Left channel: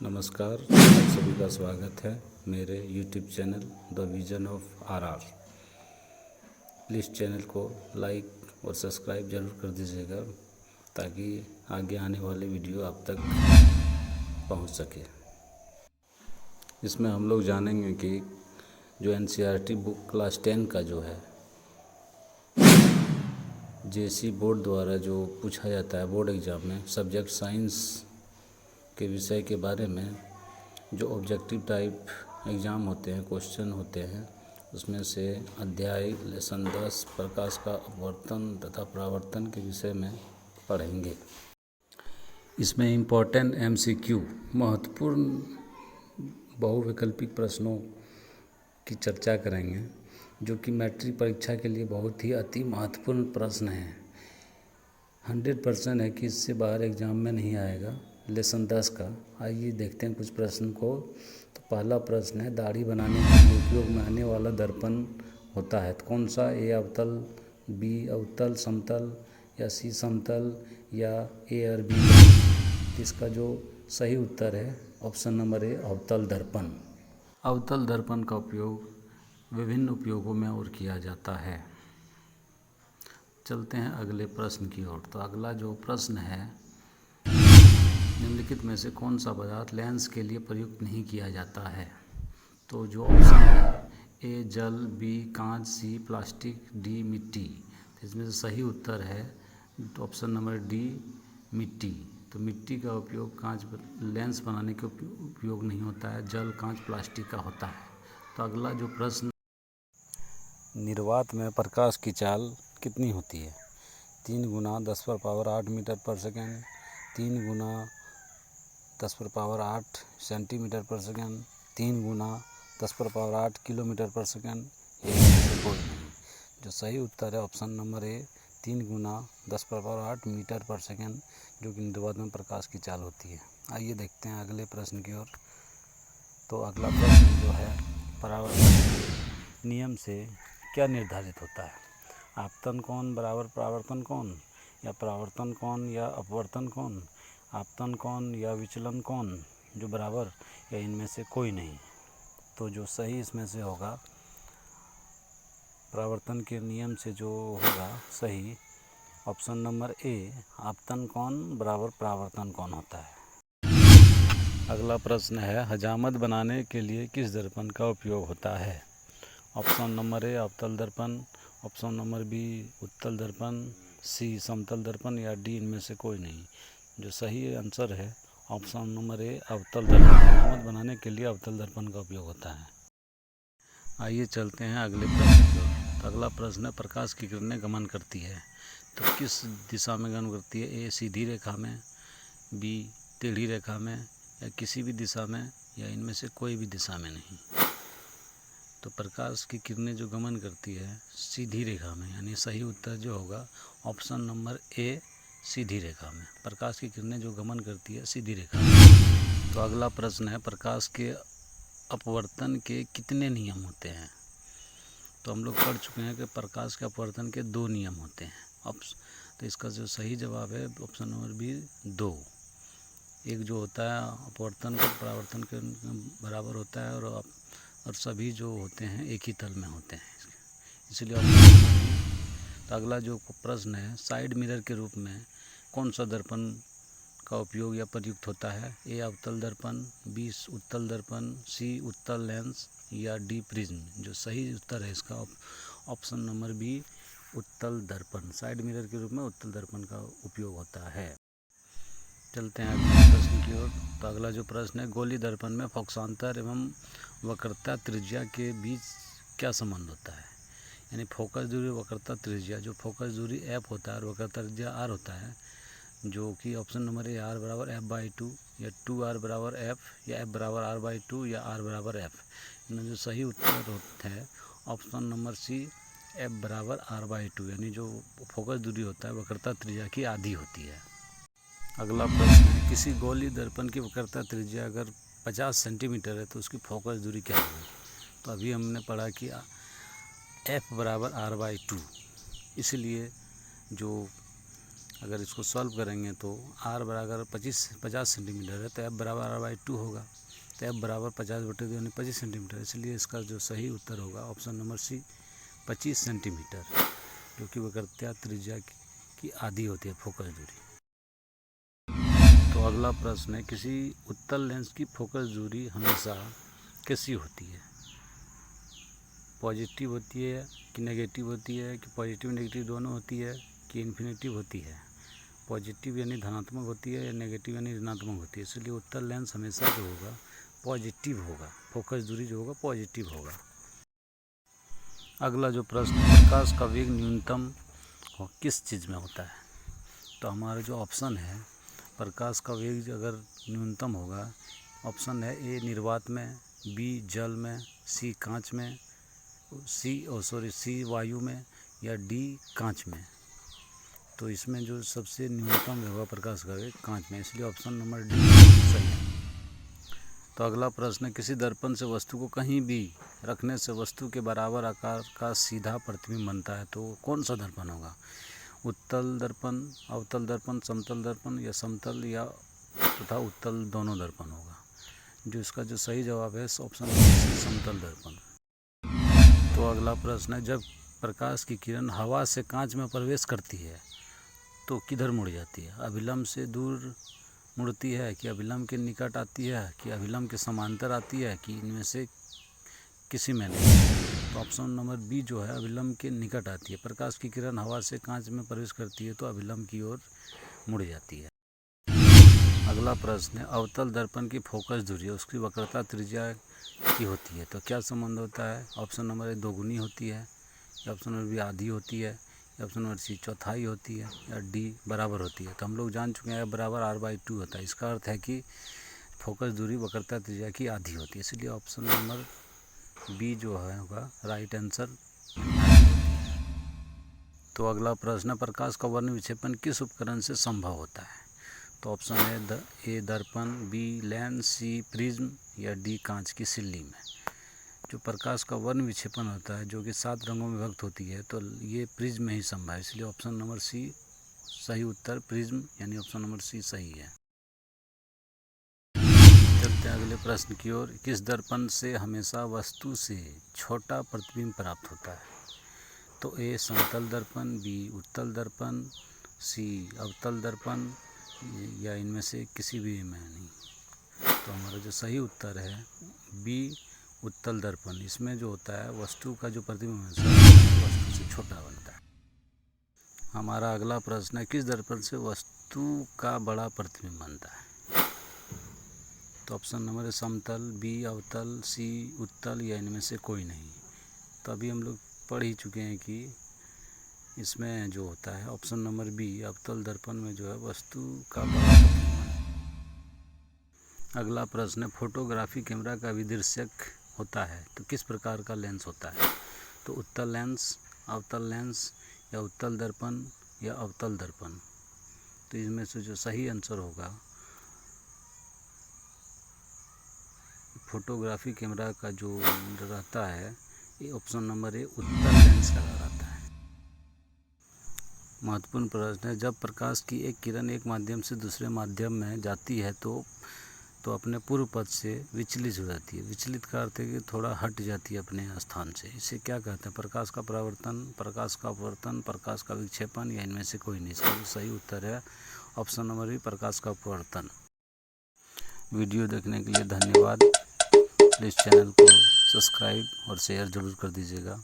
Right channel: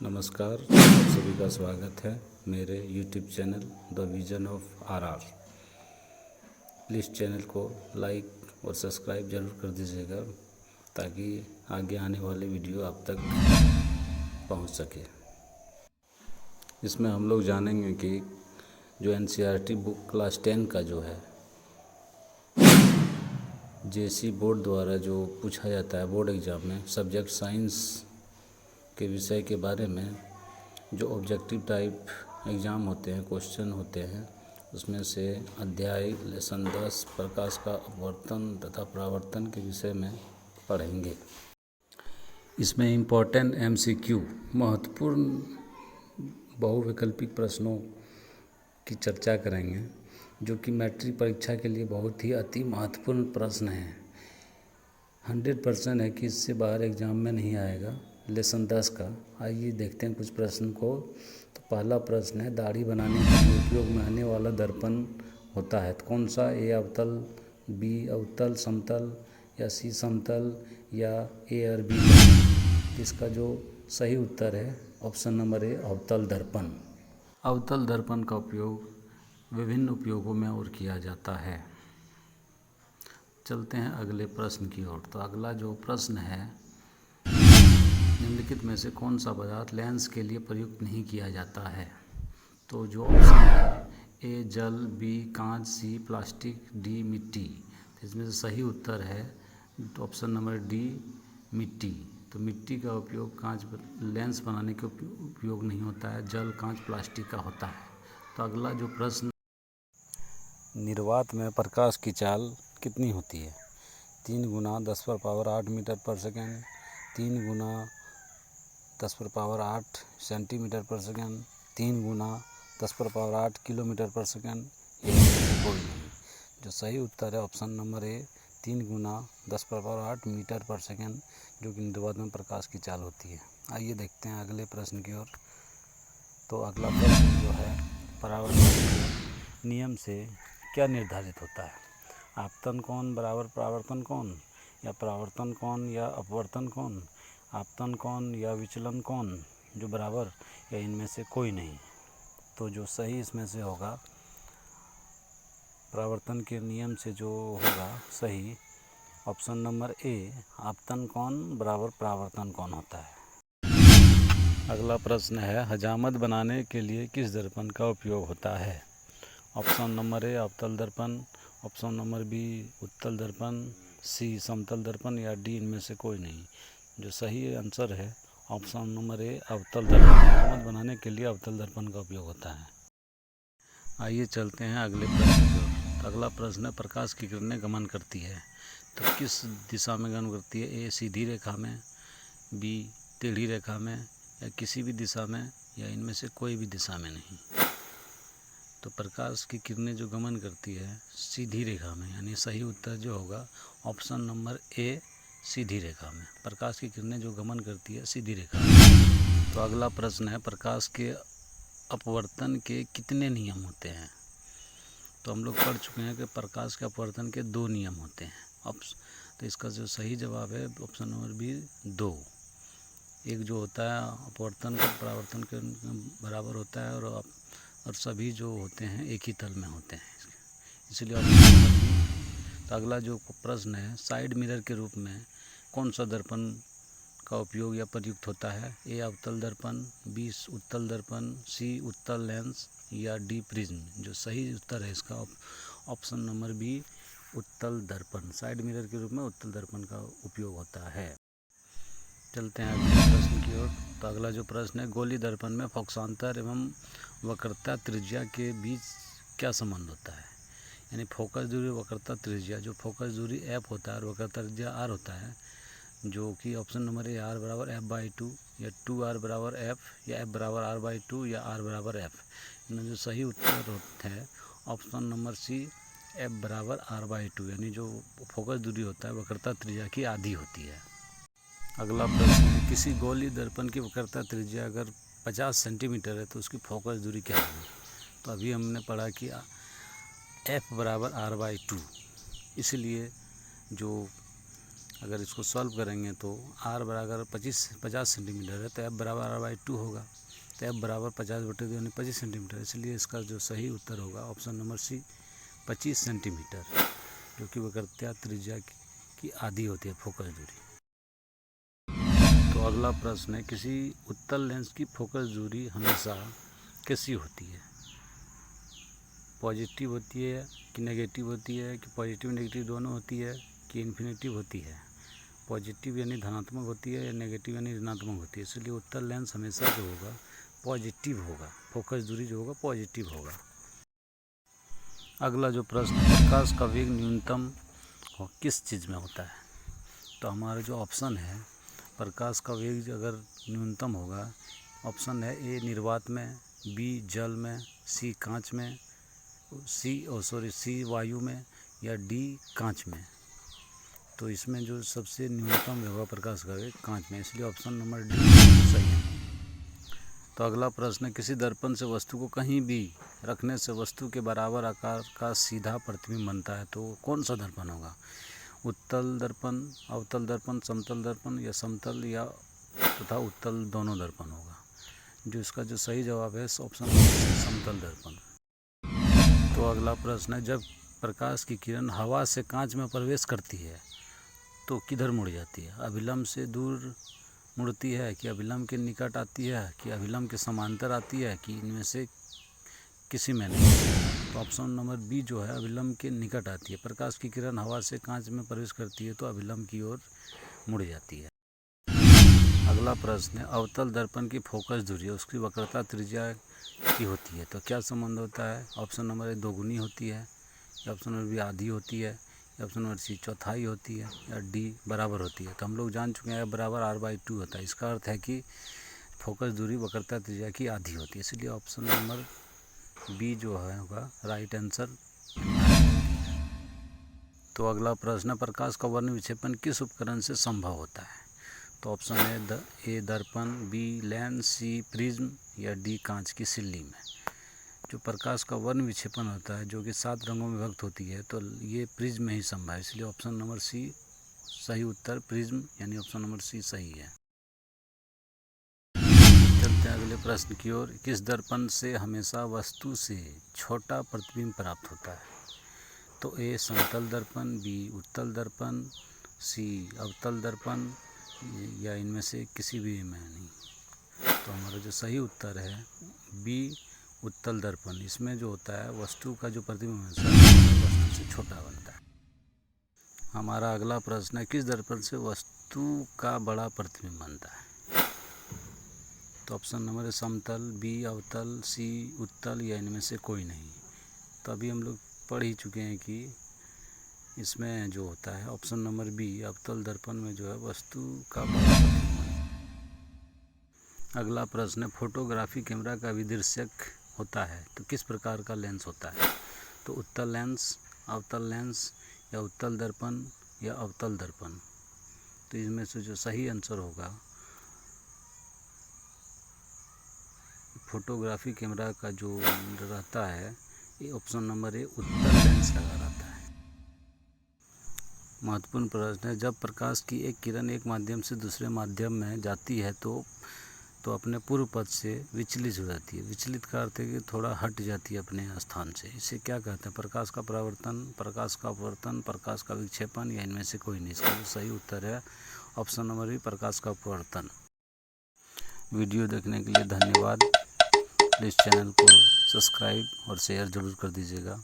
नमस्कार, आप सभी का स्वागत है मेरे YouTube channel the vision of RR. Please channel को लाइक और सब्सक्राइब ज़रूर कर दीजिएगा ताकि आगे आने वाले वीडियो आप तक पहुंच सके। इसमें हम लोग जानेंगे कि जो NCERT बुक क्लास 10 का जो है JC बोर्ड द्वारा जो पूछा जाता है बोर्ड एग्ज़ाम में सब्जेक्ट साइंस के विषय के बारे में, जो ऑब्जेक्टिव टाइप एग्ज़ाम होते हैं, क्वेश्चन होते हैं, उसमें से अध्याय लेसन 10 प्रकाश का अपवर्तन तथा परावर्तन के विषय में पढ़ेंगे। इसमें इम्पोर्टेंट MCQ महत्वपूर्ण बहुविकल्पिक प्रश्नों की चर्चा करेंगे, जो कि मैट्रिक परीक्षा के लिए बहुत ही अति महत्वपूर्ण प्रश्न हैं। 100% है कि इससे बाहर एग्ज़ाम में नहीं आएगा। लेसन 10 का आइए देखते हैं कुछ प्रश्न को। तो पहला प्रश्न है, दाढ़ी बनाने के लिए उपयोग में आने वाला दर्पण होता है तो कौन सा? A अवतल, B अवतल समतल, या C समतल, या A और B? इसका जो सही उत्तर है ऑप्शन नंबर A अवतल दर्पण। अवतल दर्पण का उपयोग विभिन्न उपयोगों में और किया जाता है। चलते हैं अगले प्रश्न की ओर। तो अगला जो प्रश्न है, निम्नलिखित में से कौन सा पदार्थ लेंस के लिए प्रयुक्त नहीं किया जाता है? तो जो ऑप्शन है A जल, B कांच, C प्लास्टिक, D मिट्टी। तो इसमें से सही उत्तर है ऑप्शन नंबर D मिट्टी। तो मिट्टी का उपयोग कांच लेंस बनाने के उपयोग नहीं होता है, जल कांच प्लास्टिक का होता है। तो अगला जो प्रश्न, निर्वात में प्रकाश की चाल कितनी होती है? 3 गुना 10⁻8 मीटर पर सेकेंड, 3 गुना 10⁻8 सेंटीमीटर पर सेकेंड, 3 गुना 10⁻8 किलोमीटर पर सेकेंड, या इनमें से कोई नहीं। जो सही उत्तर है ऑप्शन नंबर A 3 गुना 10⁻8 मीटर पर सेकेंड, जो कि निर्वात में प्रकाश की चाल होती है। आइए देखते हैं अगले प्रश्न की ओर। तो अगला प्रश्न जो है, परावर्तन के नियम से क्या निर्धारित होता है? आपतन कोण बराबर परावर्तन कोण, या परावर्तन कोण या अपवर्तन कोण, आपतन कोण या विचलन कोण जो बराबर, या इनमें से कोई नहीं। तो जो सही इसमें से होगा, परावर्तन के नियम से जो होगा सही ऑप्शन नंबर A आपतन कोण बराबर परावर्तन कोण होता है। अगला प्रश्न है, हजामत बनाने के लिए किस दर्पण का उपयोग होता है? ऑप्शन नंबर A अवतल दर्पण, ऑप्शन नंबर B उत्तल दर्पण, C समतल दर्पण, या D इनमें से कोई नहीं। जो सही आंसर है ऑप्शन नंबर A अवतल दर्पण। हजामत बनाने के लिए अवतल दर्पण का उपयोग होता है। आइए चलते हैं अगले प्रश्न की ओर। तो अगला प्रश्न है, प्रकाश की किरणें गमन करती है तो किस दिशा में गमन करती है? A सीधी रेखा में, B टेढ़ी रेखा में, या किसी भी दिशा में, या इनमें से कोई भी दिशा में नहीं। तो प्रकाश की किरणें जो गमन करती है सीधी रेखा में, यानी सही उत्तर जो होगा ऑप्शन नंबर A सीधी रेखा में। प्रकाश की किरणें जो गमन करती है सीधी रेखा में। तो अगला प्रश्न है, प्रकाश के अपवर्तन के कितने नियम होते हैं? तो हम लोग पढ़ चुके हैं कि प्रकाश के अपवर्तन के 2 नियम होते हैं। तो इसका जो सही जवाब है ऑप्शन नंबर B 2। एक जो होता है अपवर्तन का परावर्तन के बराबर होता है, और सभी जो होते हैं एक ही तल में होते हैं, इसलिए ऑप्शन नंबर B। तो अगला जो प्रश्न है, साइड मिरर के रूप में कौन सा दर्पण का उपयोग या प्रयुक्त होता है? A अवतल दर्पण, B उत्तल दर्पण, C उत्तल लेंस, या D प्रिज्म। जो सही उत्तर है इसका ऑप्शन नंबर B उत्तल दर्पण। साइड मिरर के रूप में उत्तल दर्पण का उपयोग होता है। चलते हैं अगले प्रश्न की ओर। तो अगला जो प्रश्न है, गोली दर्पण में फोकसांतर एवं वक्रता त्रिज्या के बीच क्या संबंध होता है? यानी फोकस दूरी वक्रता त्रिज्या, जो फोकस दूरी F होता है और वक्रता त्रिज्या R होता है, जो कि ऑप्शन नंबर A R बराबर F/2, या 2R बराबर F, या F बराबर R/2, या R बराबर F। इनमें जो सही उत्तर है ऑप्शन नंबर C F बराबर R/2, यानी जो फोकस दूरी होता है वक्रता त्रिज्या की आधी होती है। अगला प्रश्न है, किसी गोली दर्पण की वक्रता त्रिज्या अगर 50 सेंटीमीटर है तो उसकी फोकस दूरी क्या होगी? तो अभी हमने पढ़ा कि F बराबर R/2, इसलिए जो अगर इसको सॉल्व करेंगे तो r बराबर 50 सेंटीमीटर है तो f बराबर r/2 होगा। तो f बराबर 50/2 यानी 25 सेंटीमीटर। इसलिए इसका जो सही उत्तर होगा ऑप्शन नंबर सी 25 सेंटीमीटर, जो कि वक्रता त्रिज्या की आधी होती है फोकस दूरी। तो अगला प्रश्न है, किसी उत्तल लेंस की फोकस दूरी हमेशा कैसी होती है? पॉजिटिव होती है कि नेगेटिव होती है, कि पॉजिटिव नेगेटिव दोनों होती है, कि इन्फिनिटिव होती है? पॉजिटिव यानी धनात्मक होती है या नेगेटिव यानी ऋणात्मक होती है। इसलिए उत्तल लेंस हमेशा जो होगा पॉजिटिव होगा, फोकस दूरी जो होगा पॉजिटिव होगा। अगला जो प्रश्न है, प्रकाश का वेग न्यूनतम किस चीज़ में होता है? तो हमारा जो ऑप्शन है, प्रकाश का वेग अगर न्यूनतम होगा, ऑप्शन है ए निर्वात में, बी जल में, सी कांच में, सी वायु में, या डी कांच में। तो इसमें जो सबसे न्यूनतम होगा प्रकाश का वेग कांच में, इसलिए ऑप्शन नंबर डी सही है। तो अगला प्रश्न है, किसी दर्पण से वस्तु को कहीं भी रखने से वस्तु के बराबर आकार का सीधा प्रतिबिंब बनता है, तो कौन सा दर्पण होगा? उत्तल दर्पण, अवतल दर्पण, समतल दर्पण, या समतल या तथा उत्तल दोनों दर्पण होगा। जो इसका जो सही जवाब है ऑप्शन नंबर समतल दर्पण। तो अगला प्रश्न है, जब प्रकाश की किरण हवा से कांच में प्रवेश करती है तो किधर मुड़ जाती है? अभिलंब से दूर मुड़ती है, कि अभिलंब के निकट आती है, कि अभिलंब के समांतर आती है, कि इनमें से किसी में नहीं? तो ऑप्शन नंबर बी जो है अभिलंब के निकट आती है। प्रकाश की किरण हवा से कांच में प्रवेश करती है तो अभिलंब की ओर मुड़ जाती है। अगला प्रश्न है, अवतल दर्पण की फोकस दूरी उसकी वक्रता त्रिज्या की होती है, तो क्या संबंध होता है? ऑप्शन नंबर ए दोगुनी होती है, या ऑप्शन नंबर बी आधी होती है, या ऑप्शन नंबर सी चौथाई होती है, या डी बराबर होती है। तो हम लोग जान चुके हैं बराबर r/2 होता है। इसका अर्थ है कि फोकस दूरी वक्रता त्रिज्या की आधी होती है, इसलिए ऑप्शन नंबर बी जो है होगा राइट आंसर होती है। तो अगला प्रश्न, प्रकाश का वर्ण विक्षेपण किस उपकरण से संभव होता है? तो ऑप्शन है ए दर्पण, बी लेंस, सी प्रिज्म, या डी कांच की सिल्ली में। जो प्रकाश का वर्ण विक्षेपण होता है जो कि 7 रंगों में विभक्त होती है, तो ये प्रिज्म में ही संभव है, इसलिए ऑप्शन नंबर सी सही उत्तर प्रिज्म यानी ऑप्शन नंबर सी सही है। चलते हैं अगले प्रश्न की ओर, किस दर्पण से हमेशा वस्तु से छोटा प्रतिबिंब प्राप्त होता है? तो ए समतल दर्पण, बी उत्तल दर्पण, सी अवतल दर्पण, या इनमें से किसी भी में नहीं। तो हमारा जो सही उत्तर है बी उत्तल दर्पण। इसमें जो होता है वस्तु का जो प्रतिबिंब वस्तु से छोटा बनता है। हमारा अगला प्रश्न है, किस दर्पण से वस्तु का बड़ा प्रतिबिंब बनता है? तो ऑप्शन नंबर है समतल, बी अवतल, सी उत्तल, या इनमें से कोई नहीं। तो अभी हम लोग पढ़ ही चुके हैं कि इसमें जो होता है ऑप्शन नंबर बी अवतल दर्पण में जो है वस्तु का बड़ा प्रतिबिंब। अगला प्रश्न है, फोटोग्राफी कैमरा का विदृश्यक होता है तो किस प्रकार का लेंस होता है? तो उत्तल लेंस, अवतल लेंस, या उत्तल दर्पण, या अवतल दर्पण। तो इसमें से जो सही आंसर होगा फोटोग्राफी कैमरा का जो रहता है ये ऑप्शन नंबर ए उत्तल लेंस लगा रहता है। महत्वपूर्ण प्रश्न है, जब प्रकाश की एक किरण एक माध्यम से दूसरे माध्यम में जाती है तो अपने पूर्व पथ से विचलित हो जाती है। विचलित का अर्थ है कि थोड़ा हट जाती है अपने स्थान से। इसे क्या कहते हैं? प्रकाश का परावर्तन, प्रकाश का अपवर्तन, प्रकाश का विक्षेपण, या इनमें से कोई नहीं। इसका जो सही उत्तर है ऑप्शन नंबर बी प्रकाश का अपवर्तन। वीडियो देखने के लिए धन्यवाद। प्लीज़ चैनल को सब्सक्राइब और शेयर ज़रूर कर दीजिएगा।